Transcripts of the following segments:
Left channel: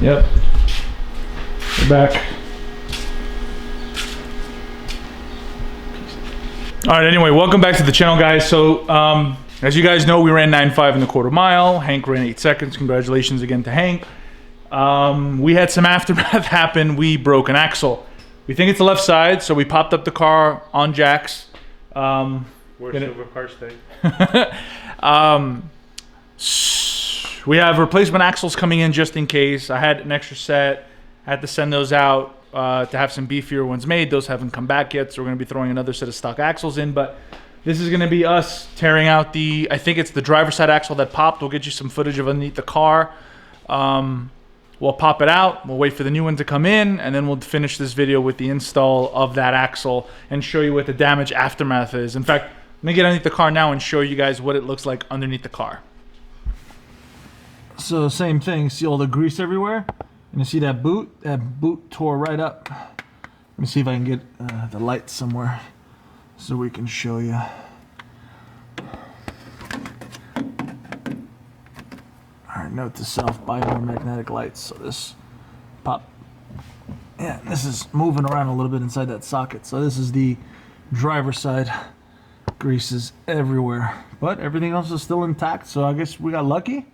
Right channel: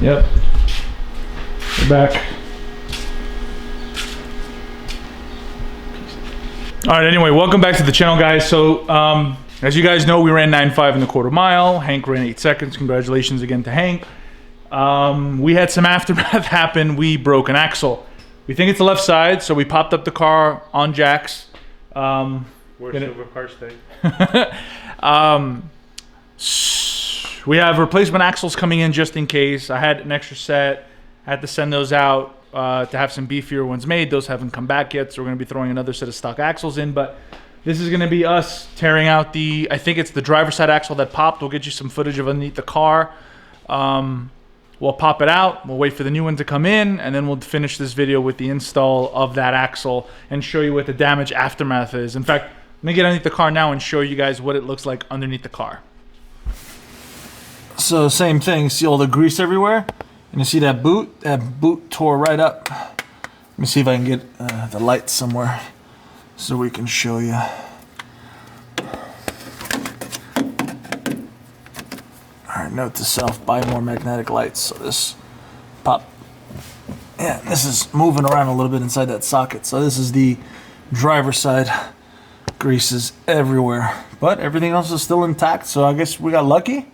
Yep. We're back. All right, anyway, welcome back to the channel, guys. So, as you guys know, we ran 9.5 in the quarter mile. Hank ran 8 seconds. Congratulations again to Hank. We had some aftermath happen. We broke an axle. We think it's the left side, so we popped up the car on jacks. Where's silver car stay? We have replacement axles coming in just in case. I had an extra set. I had to send those out to have some beefier ones made. Those haven't come back yet, so we're going to be throwing another set of stock axles in. But this is going to be us tearing out the, I think it's the driver's side axle that popped. We'll get you some footage of underneath the car. We'll pop it out. We'll wait for the new one to come in, and then we'll finish this video with the install of that axle and show you what the damage aftermath is. In fact, let me get underneath the car now and show you guys what it looks like underneath the car. So same thing, see all the grease everywhere? And you see that boot? That boot tore right up. Let me see if I can get the light somewhere so we can show you. Alright, note to self, buy more magnetic lights. So this pop. Yeah, this is moving around a little bit inside that socket. So this is the driver's side. Grease is everywhere. But everything else is still intact, so I guess we got lucky.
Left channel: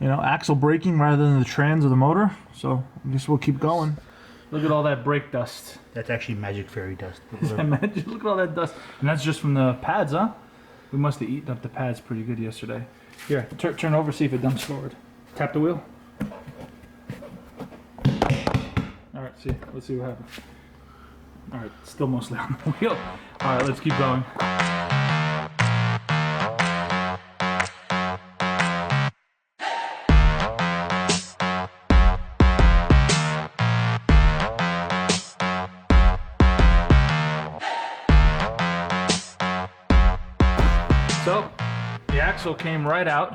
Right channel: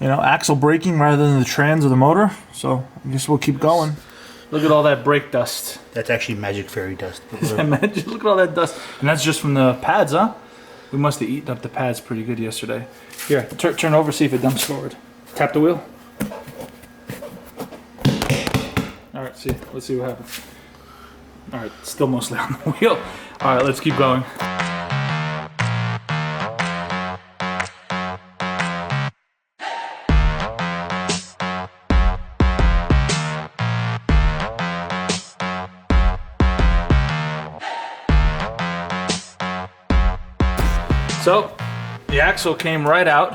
You know, axle braking rather than the trans or the motor. So I guess we'll keep going. Look at all that brake dust. That's actually magic fairy dust. Is that magic? Look at all that dust. And that's just from the pads, huh? We must have eaten up the pads pretty good yesterday. Here, turn over, see if it dumps forward. Tap the wheel. All right, see. Let's see what happens. All right, still mostly on the wheel. All right, let's keep going. So, the axle came right out.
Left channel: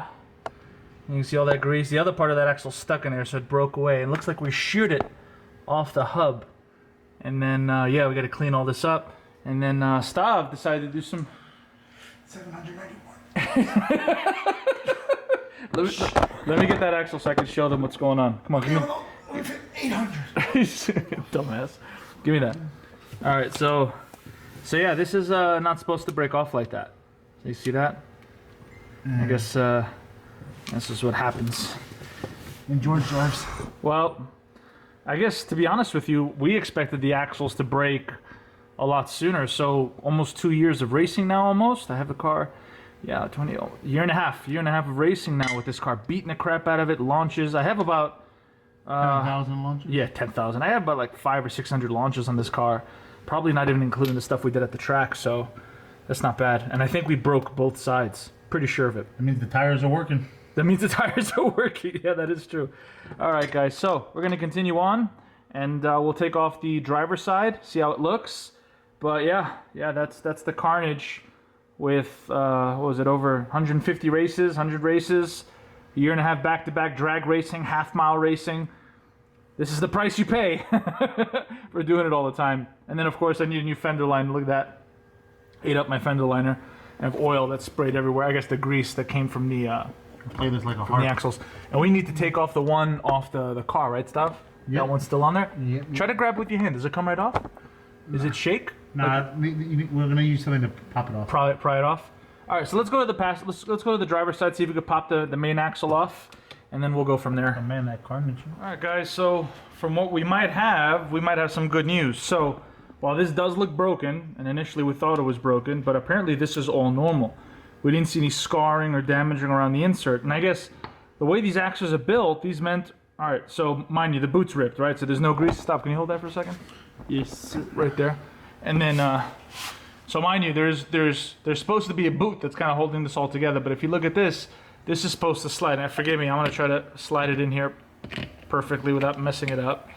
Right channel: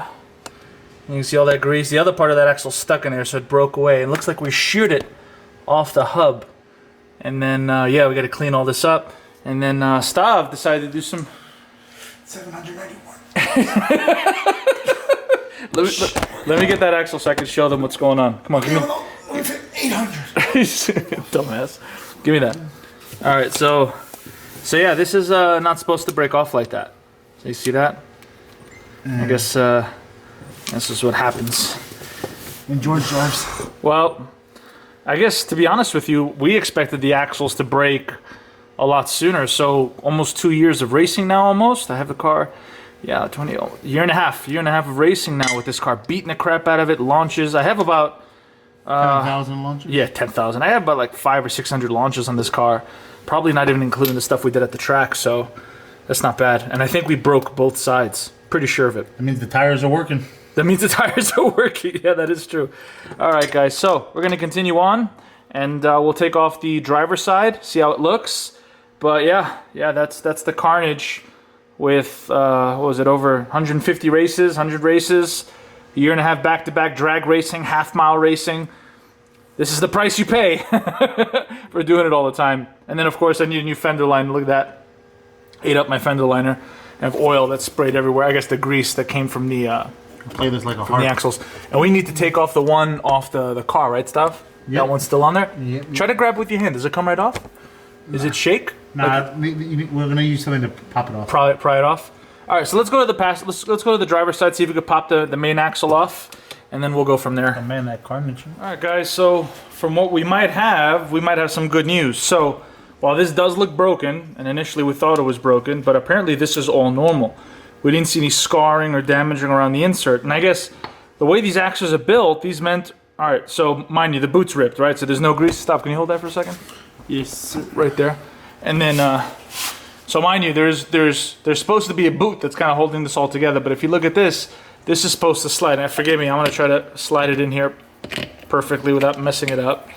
You can see all that grease. The other part of that axle stuck in there, so it broke away. It looks like we sheared it off the hub. And then, yeah, we got to clean all this up. And then Stav decided to do some... 791. let me get that axle so I can show them what's going on. Come on, give me... 800. Dumbass. Give me that. All right, so yeah, this is not supposed to break off like that. You see that? I guess this is what happens when George drives. Well, I guess to be honest with you, we expected the axles to break a lot sooner. So almost 2 years of racing now. Almost. I have the car. Yeah, year and a half of racing now with this car. Beating the crap out of it. Launches. I have about 10,000 launches. Yeah, 10,000. I have about like 500 or 600 launches on this car. Probably not even including the stuff we did at the track. So. That's not bad. And I think we broke both sides. Pretty sure of it. That means the tires are working. That means the tires are working. Yeah, that is true. All right, guys. So we're going to continue on. And we'll take off the driver's side. See how it looks. But yeah, that's the carnage with, what was it, over 150 races, 100 races. A year and a half back-to-back drag racing, half-mile racing. This is the price you pay for doing it all the time. And then, of course, I need a new fender line. Look at that. Ate up my fender liner. I have oil that's sprayed everywhere. I guess the grease that came from the play this like a from the axles. And we need to take off the one off the car, right, Stav? Yep. That one's still on there? Yep. Try to grab with your hand. Does it come right off? Is it shake? Nah, we're gonna use something to pop it off. Pry it off. All right, so let's go to the let's go to the driver's side, see if we could pop the main axle off, and then we'll go from there. Oh man, that carnage. All right, guys. So from what we might have some good news. So. While this does look broken, and initially we thought it was broken, but apparently this is all normal. We didn't see any scarring or damaging around the insert. And I guess the way these axles are built, these meant... Alright, so mind you, the boot's ripped, right? So there's no grease. Stop, can you hold that for a second? Yes. Right there. And then, so mind you, there's supposed to be a boot that's kind of holding this all together, but if you look at this is supposed to slide. And forgive me, I'm going to try to slide it in here perfectly without messing it up.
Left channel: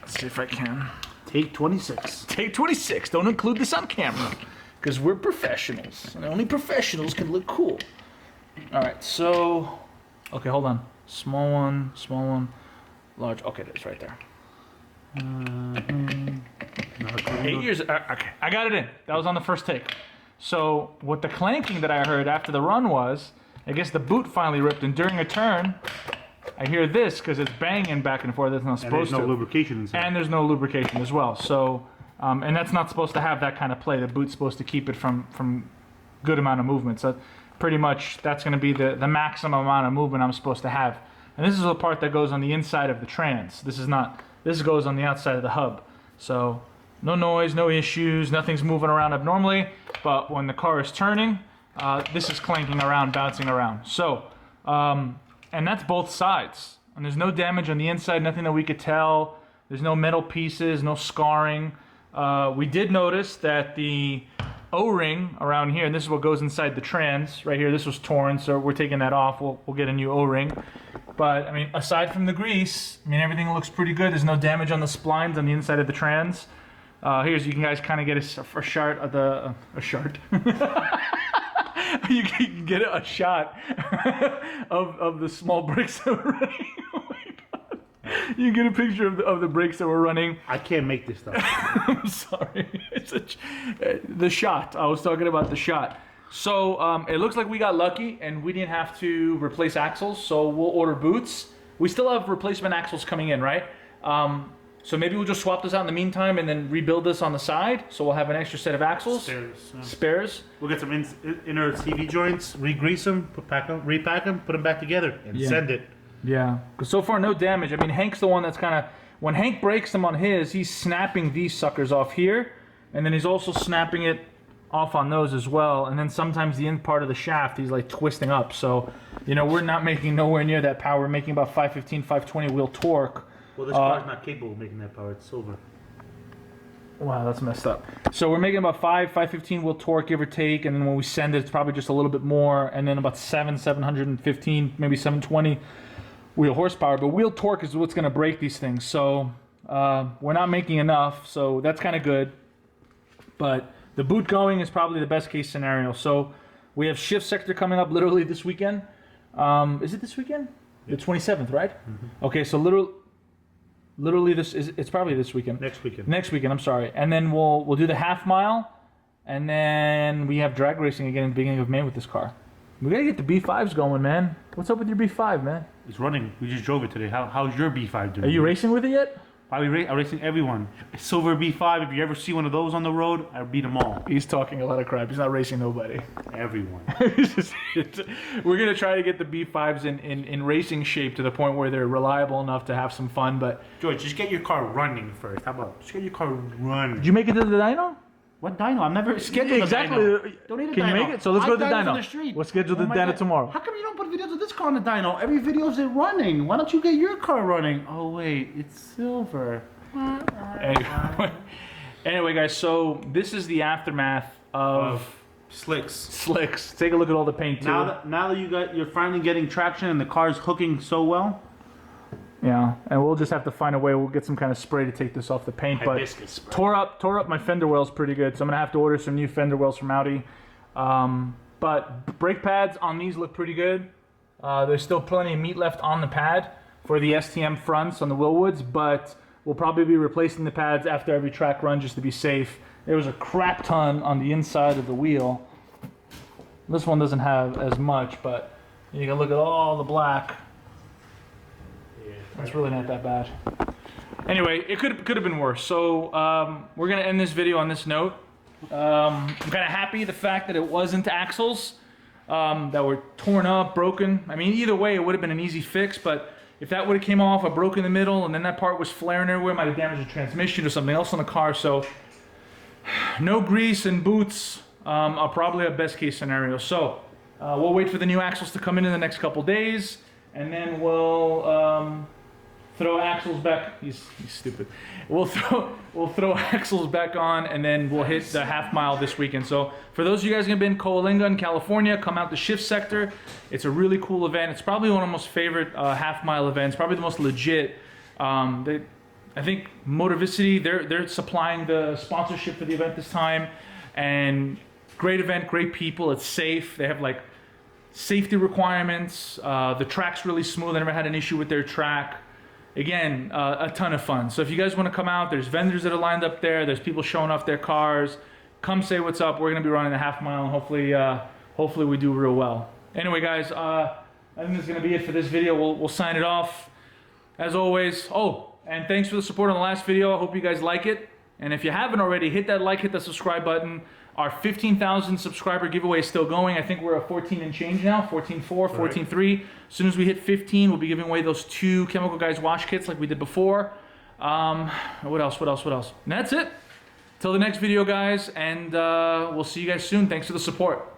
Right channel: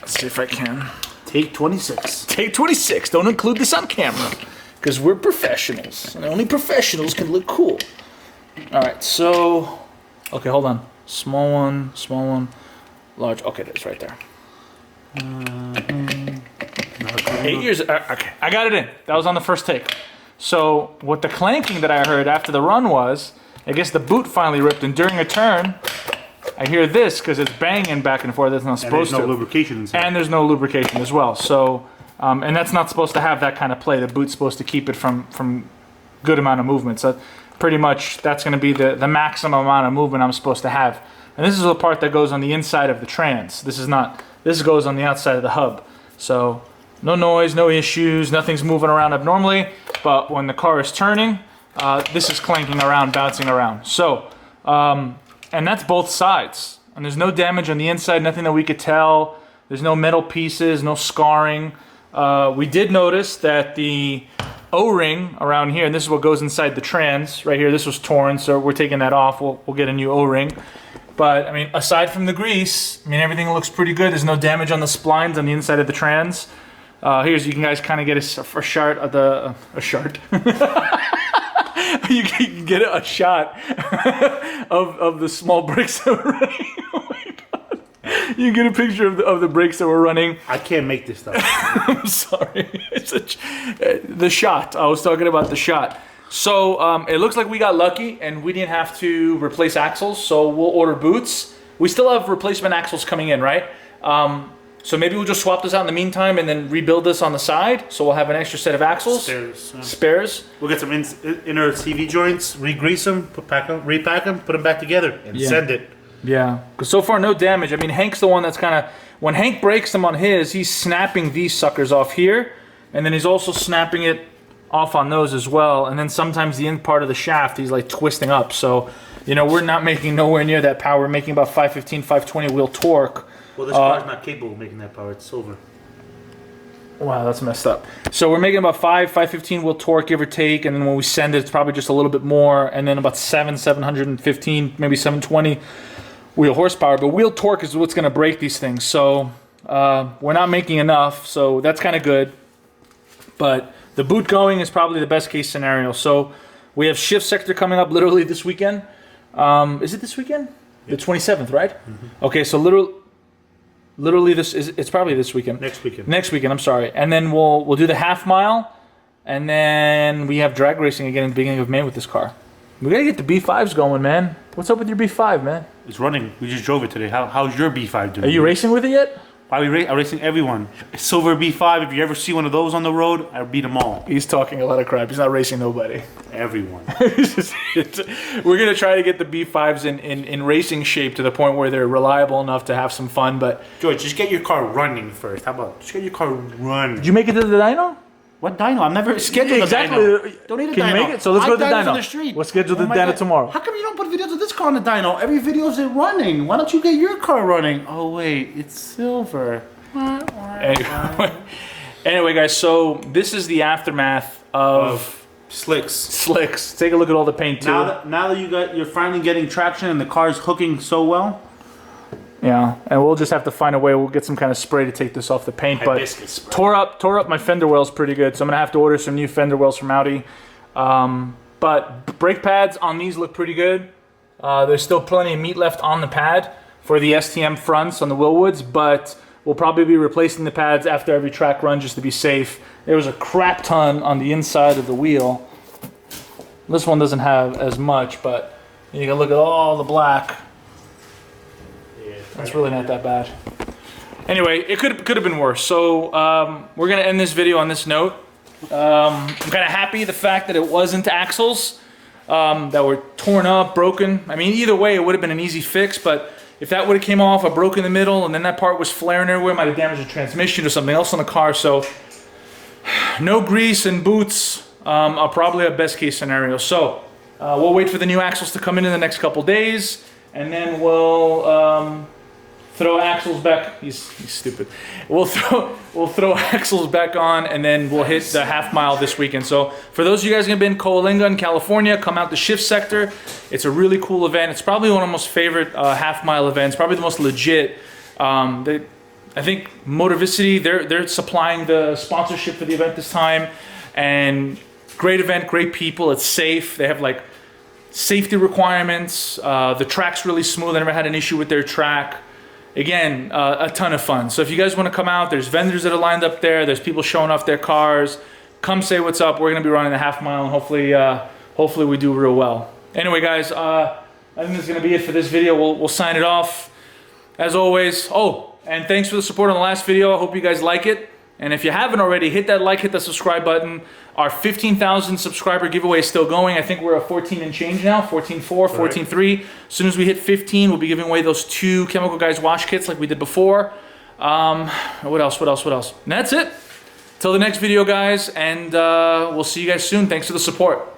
Let's see if I can. Take 26. Take 26. Don't include this on camera. Because we're professionals. And only professionals can look cool. Alright, so... Okay, hold on. Small one, large. Okay, that's right there. 8 years... Okay, I got it in. That was on the first take. So, what the clanking that I heard after the run was, I guess the boot finally ripped, and during a turn, I hear this because it's banging back and forth. That's not And supposed there's no to. lubrication inside. And there's no lubrication as well. So, and that's not supposed to have that kind of play. The boot's supposed to keep it from good amount of movement. So pretty much that's going to be the maximum amount of movement I'm supposed to have. And this is the part that goes on the inside of the trans. This goes on the outside of the hub. So no noise, no issues, nothing's moving around abnormally. But when the car is turning, this is clanking around, bouncing around. So, and that's both sides. And there's no damage on the inside, nothing that we could tell. There's no metal pieces, no scarring. We did notice that the O-ring around here, and this is what goes inside the trans, right here, this was torn, so we're taking that off. We'll get a new O-ring. But, I mean, aside from the grease, I mean, everything looks pretty good. There's no damage on the splines on the inside of the trans. Here's, you can guys kind of get a shot of the... a shot. You can get a shot of the small brakes that we're running. Oh my God. You get a picture of the brakes that we're running. I can't make this stuff. I'm sorry. The shot. I was talking about the shot. So it looks like we got lucky and we didn't have to replace axles. So we'll order boots. We still have replacement axles coming in, right? So maybe we'll just swap this out in the meantime and then rebuild this on the side. So we'll have an extra set of axles. Spares. We'll get some inner CV joints, re-grease them, repack them, put them back together, and send it. Yeah, because so far no damage. I mean, Hank's the one that's kind of... When Hank breaks them on his, he's snapping these suckers off here. And then he's also snapping it off on those as well. And then sometimes the end part of the shaft, he's like twisting up. So, you know, we're not making nowhere near that power. We're making about 515, 520 wheel torque. Well, this car's not capable of making that power. It's silver. Wow, that's messed up. So we're making about 515 wheel torque, give or take. And then when we send it, it's probably just a little bit more. And then about 715, maybe 720 wheel horsepower. But wheel torque is what's going to break these things. So we're not making enough. So that's kind of good. But the boot going is probably the best case scenario. So we have shift sector coming up literally this weekend. Is it this weekend? The 27th, right? Mm-hmm. Okay, so literally it's probably this weekend. Next weekend, I'm sorry. And then we'll do the half mile, and then we have drag racing again in the beginning of May with this car. We gotta get the B5s going, man. What's up with your B5, man? It's running. We just drove it today. How's your B5 doing? Are you racing with it yet? I'm racing everyone. Silver B5. If you ever see one of those on the road, I beat them all. He's talking a lot of crap. He's not racing nobody. Everyone. We're gonna try to get the B5s in racing shape to the point where they're reliable enough to have some fun. But George, just get your car running first. How about just get your car running? Did you make it to the dyno? What dyno? I'm never scheduled exactly. a dyno. Don't need a dyno. Can you make it? So let's go to the dyno. On the street. We'll schedule the dyno tomorrow. How come you don't put videos of this car on the dyno? Every video is it running. Why don't you get your car running? Oh wait, it's silver. Anyway, guys, so this is the aftermath of slicks. Take a look at all the paint too. Now that you're finally getting traction and the car's hooking so well. Yeah, and we'll just have to find a way. We'll get some kind of spray to take this off the paint. But tore up my fender wells pretty good, so I'm gonna have to order some new fender wells from Audi. But brake pads on these look pretty good. There's still plenty of meat left on the pad for the STM fronts on the Willwoods, but we'll probably be replacing the pads after every track run just to be safe. There was a crap ton on the inside of the wheel. This one doesn't have as much, but you can look at all the black. That's really not that bad. Anyway, it could have been worse. So we're gonna end this video on this note. I'm kind of happy the fact that it wasn't axles that were torn up, broken. I mean, either way, it would have been an easy fix. But if that would have came off, I broke in the middle, and then that part was flaring everywhere, might have damaged the transmission or something else on the car. So no grease and boots are probably a best case scenario. So we'll wait for the new axles to come in the next couple days, and then we'll throw axles back. He's stupid. We'll throw axles back on, and then we'll hit the half mile this weekend. So for those of you guys who've been in Coalinga in California, come out to Shift Sector. It's a really cool event. It's probably one of my most favorite half mile events. Probably the most legit. I think Motorvicity, they're supplying the sponsorship for the event this time, and great event, great people. It's safe. They have like safety requirements. The track's really smooth. I never had an issue with their track. Again, a ton of fun. So if you guys want to come out, there's vendors that are lined up there. There's people showing off their cars. Come say what's up. We're going to be running the half mile, and hopefully we do real well. Anyway, guys, I think that's going to be it for this video. We'll sign it off. As always, and thanks for the support on the last video. I hope you guys like it. And if you haven't already, hit that like, hit the subscribe button. Our 15,000 subscriber giveaway is still going. I think we're at 14 and change now, 14.4, 14.3. As soon as we hit 15, we'll be giving away those 2 Chemical Guys wash kits like we did before. What else? And that's it. Till the next video, guys, and we'll see you guys soon. Thanks for the support.